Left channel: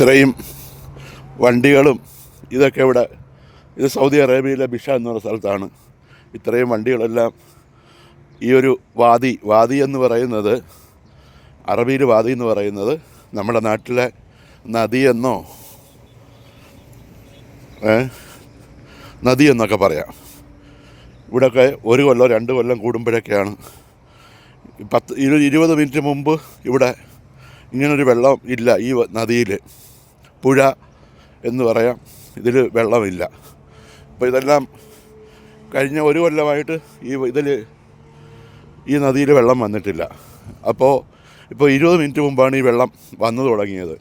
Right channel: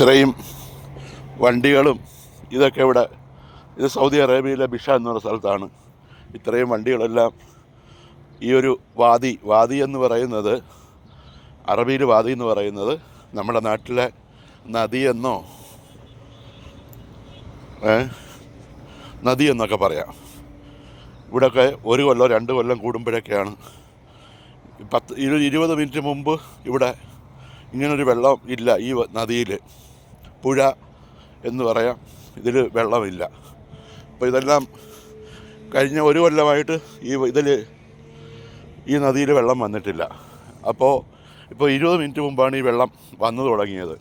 ഇത്രയും വണ്ടികളും ഇതൊക്കെ ഇവിടെ, ഇത് സൗദി അറേബ്യയിലെ ബിഷ എന്ന് പറയുന്ന സ്ഥലത്താണ്. ഇത്രയും വണ്ടികളെല്ലാം ഈ ഒരു വാദി എന്ന് പറയുന്നത്, അറബിയിൽ വാദി എന്ന് പറയുന്നത് നമ്മുടെ നാട്ടിലെ നദിയെന്നോ നദി എന്നൊക്കെ പറയാം. ഇവിടെയൊക്കെ 1 കൊല്ലം 2 കൊല്ലം കൂടുമ്പോഴൊക്കെയാണ് 20 മിനിറ്റ് മുമ്പ് ഇവിടെ ഇങ്ങനൊരു വെള്ളം ഇല്ല. ഈ നദിയിൽ പുഴ എന്ന് പറയാം, ഇതിൽ വെള്ളമില്ല. അപ്പോൾ ഇതെല്ലാം കഴിഞ്ഞ 1 കൊല്ലമായിട്ട് ഈ നദിയിൽ വെള്ളം വന്നിട്ടില്ല. ഇപ്പോൾ 20 മിനിറ്റ് മുമ്പാണ് ഈ വെള്ളം വന്നു തുടങ്ങിയത്.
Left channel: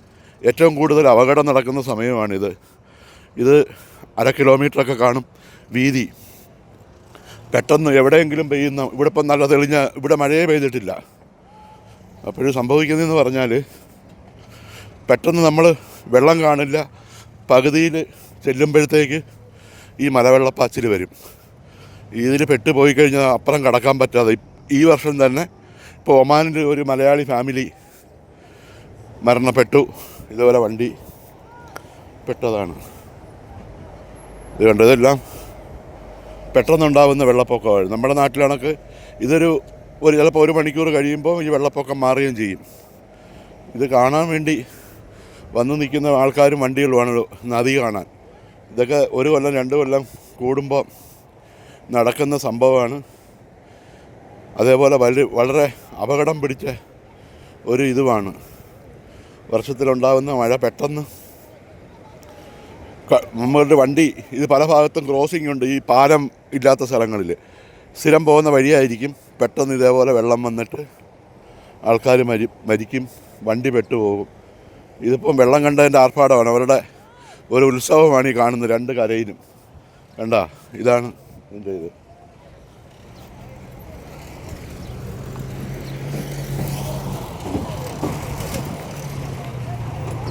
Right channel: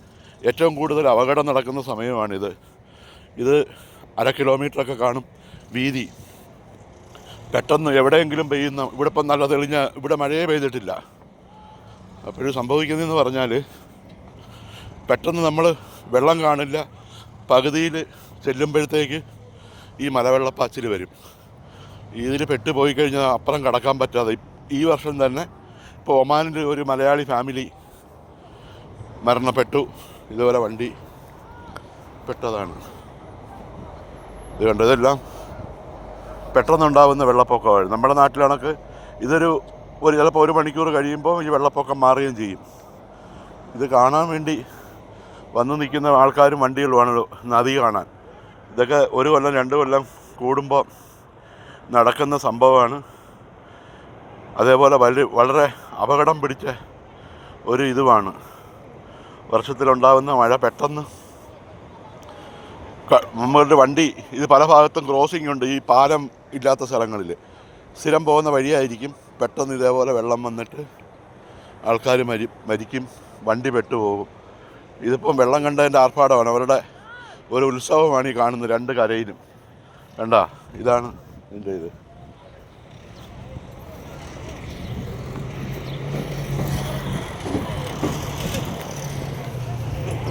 ഏറ്റവും കൂടുതൽ അപകടം നടക്കുന്ന സമയമാണിത്. ഇത് 1/2 കിലോമീറ്ററൊക്കെ കാണും വീതി. പെട്ടെന്ന് എവിടെയെങ്കിലും പെയ്യുന്ന, ഇവിടെ ഇപ്പം നല്ല തെളിഞ്ഞ, ഇവിടെ മഴയെ പെയ്തിട്ടില്ല. അപ്പോഴും സംഭവിക്കുന്നതെന്ന് പറഞ്ഞാൽ പെട്ടെന്ന് നമ്മൾ വെള്ളം കാണില്ല. പകുതിയിൽ ചെല്ലുമ്പോഴത്തേക്ക് ഈ മലവെള്ളപ്പാച്ചിൽ വരും. ഇതിൽ പെട്ടുപോയി കഴിഞ്ഞാൽ അപ്പുറം കടക്കാൻ പറ്റാതെ ഈ വർഷം തന്നെ ഇപ്പോൾ ഒമാനിൽ ഒരു മലയാളി ഫാമിലി മരണപ്പെട്ടു. ഇതുപോലെ വണ്ടി പെട്ടതാണ്. ഇത് കണ്ടതെല്ലാം പെട്ടെന്നുണ്ടാകുന്ന വെള്ളപ്പൊക്കമാണ്. നമ്മുടെ നാട്ടിലാണെങ്കിൽ ചിലപ്പോൾ 1 മണിക്കൂർ കഴിയുമ്പോൾ ഈ വെള്ളപ്പൊക്കം മാറുകയും ചെയ്യും. ഇത് കാണാൻ വേണ്ടി വന്നു നിൽക്കുന്ന ആൾക്കാരും വണ്ടികളുമാണ് നദി കാണാൻ. ഇതൊക്കെ 1 കൊല്ലം 2 കൊല്ലം കൂടുമ്പോൾ നടക്കുന്ന സംഭവമാണ്. അതേപോലെ വളരെ അപകടം പിടിച്ച ഒരു ഇതുമാണ്. വർഷത്തിലുണ്ടാകുന്ന മഴ പെട്ടെന്ന് നമ്മളുടെ വണ്ടി, ഇത് പല ഭാഗത്തും ക്രോസിംഗ് ഉണ്ട്. ഈ പാലം ഇല്ലാത്ത സ്ഥലങ്ങളിൽ സ്ഥിരം പോകുന്ന വഴിയായിരിക്കും. പെട്ടെന്ന് ഇതേപോലെ വെള്ളം വന്നിട്ട് ആൾക്കാർ മരിക്കും, വണ്ടി പെട്ടുപോകും. ഇതിപ്പം വെള്ളം കണ്ടതിൻ്റെ ആർഭാടമാണ്. അവരുടെ ഒരു ഉത്സവമാണ് ഈ കാണുന്നത് 2 കരയിലും. കണ്ടാ, ഇതാണ് ഇതിൻ്റെ ഇത്.